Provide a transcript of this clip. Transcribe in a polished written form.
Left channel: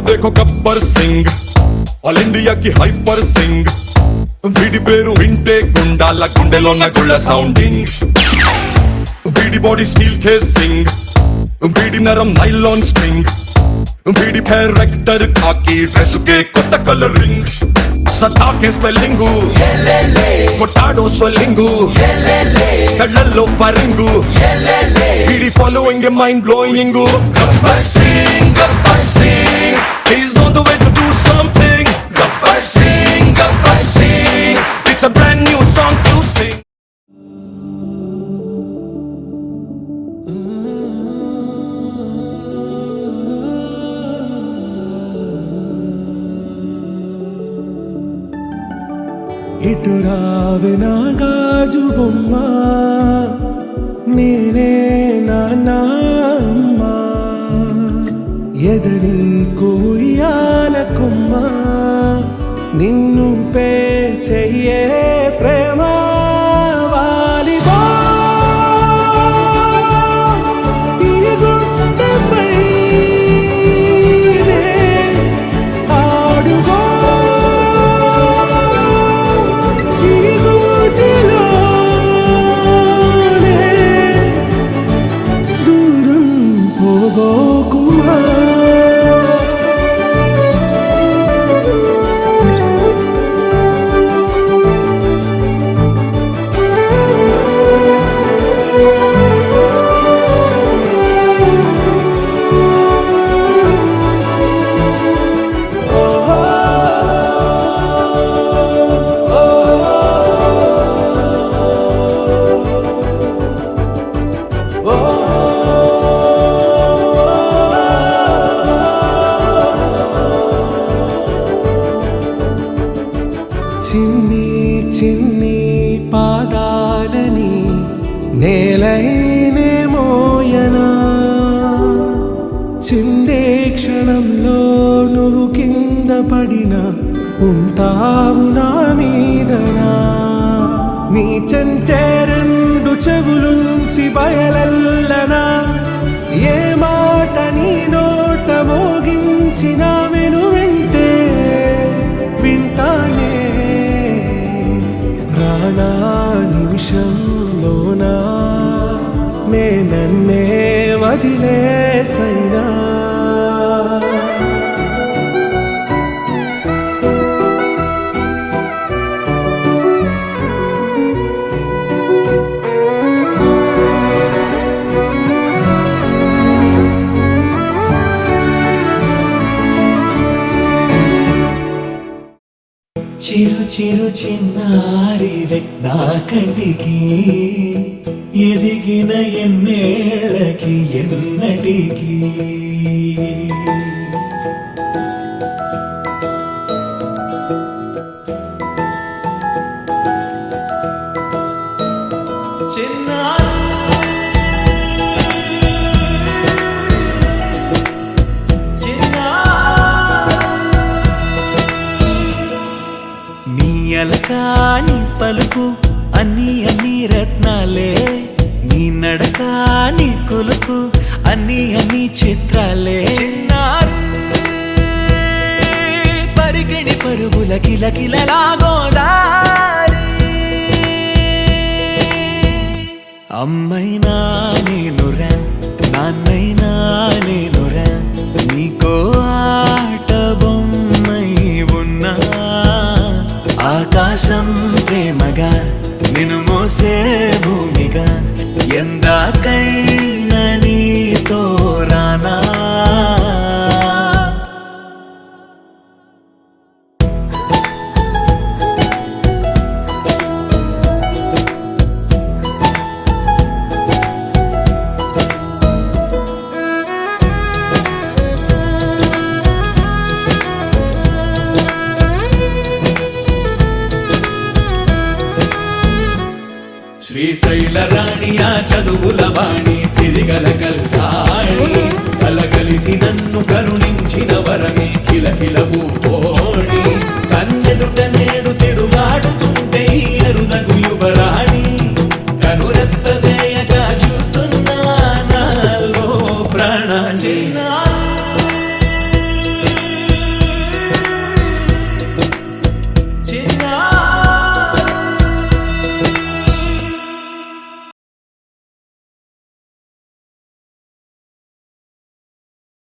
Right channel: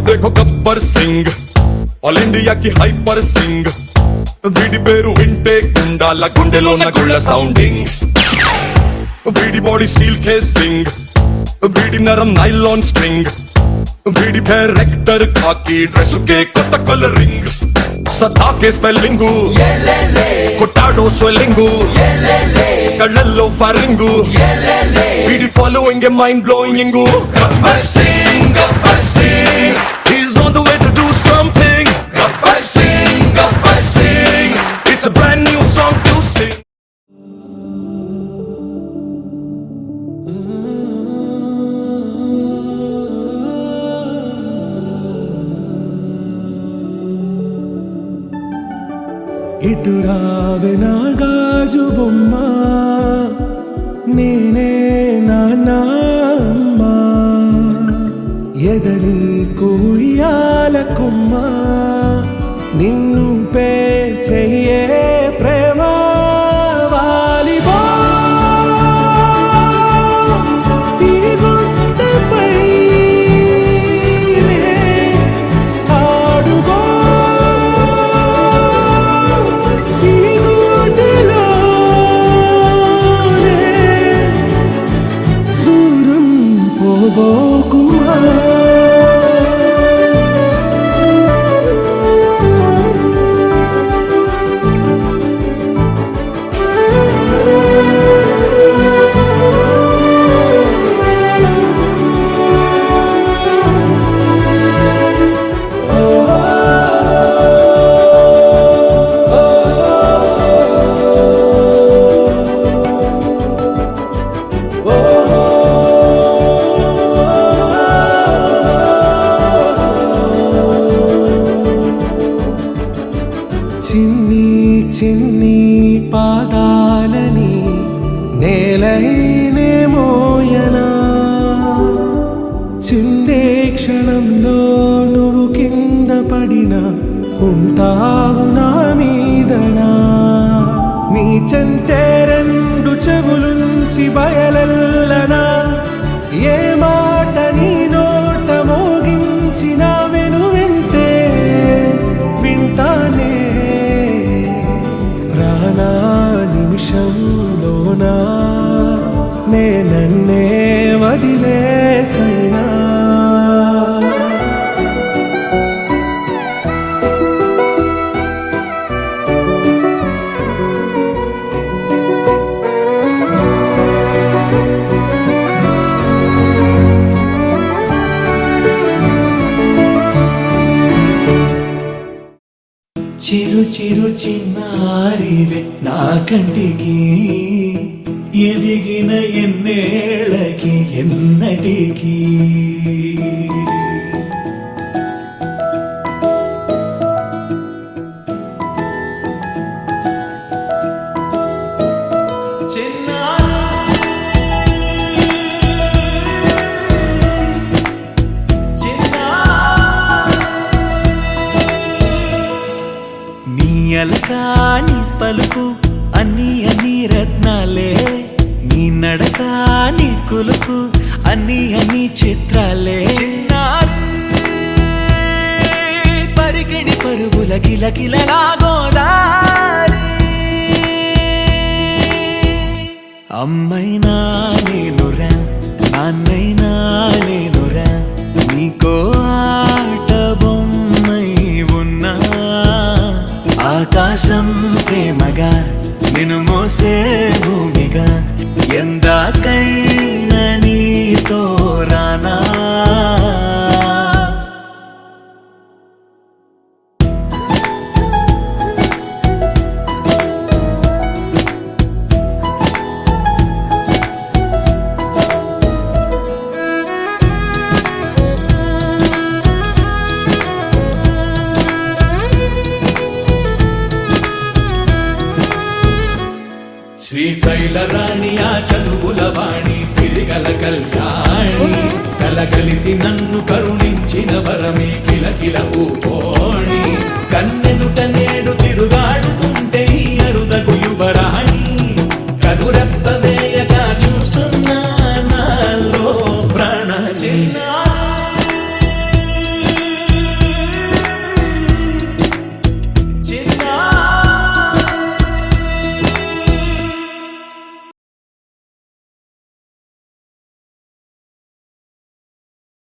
इसको देखो Gabbar Singh all India की हाइपर सिंग వీడి పేరు వింటే గుండాల గుండెలో నా గుళ్ళ సౌండింగ్ వీడి బాడీ స్టీల్ కేసింగ్ వీడి నరం నైలాన్ స్ట్రింగ్ వీడి పేరు రెక్టర్ కాకి డ్రెస్ కే కొత్త కలరింగ్ సతా కే స్పెల్లింగ్ కొట్టాడో స్వెల్లింగ్ కళ్ళల్లో ఫరింగ్ వీడి following A mind blowing Gabbar Singh he's on the way to do something Gabbar Singh it's a brand new song to sing ఇటు రావే నా గాజు బొమ్మ నేనే నాన్నమ్మ ఎదని కుయ్యాల కొమ్మ నిన్ను పే చెయ్యే ప్రేమ వాలిబా ఈ గుండెపై నే ఆడుగో ఈ గుడిలోనే దూరం పోబోకుమా చిన్ని చిన్ని పాదాలని నేలైనే మోయనా చిందే క్షణంలో నువ్వు కింద పడినా ఉంటావు నా మీదనా నీ చెంతే రెండు చెవులుంచి బయలల్లనా ఏ మాట నీ నోట మోగించిన వెను వింటే వింటానే రానా నిమిషంలోనా నే నన్నే వదిలేసైనా చిరు చిరు చిన్నారివే నా కంటికి ఎదిగిన ఎన్నేళ్ళకి ఎన్నటికి అలకాని పలుకు అన్ని అన్ని రత్నాలే నీ నడక నీ కులుకు అన్ని అన్ని చిత్రాలే చిన్నారు పరికిణి పరుగుల కిలకిలలాగోదారి అమ్మైనా నేనురా నాన్నైనా నేనురా నీకో ఆట బొమ్మై ఉన్నా ఆకాశం ప్రేమగా నిన్ను మోసే భూమిగా ఎందాకైనా నీతో రానా శ్రీశైల రాణియా చదువుల వాణి సిరిగల కల్యాణి కలగలిసి నన్ను కరుణించిన వరమే కిలకిల ఊపోణి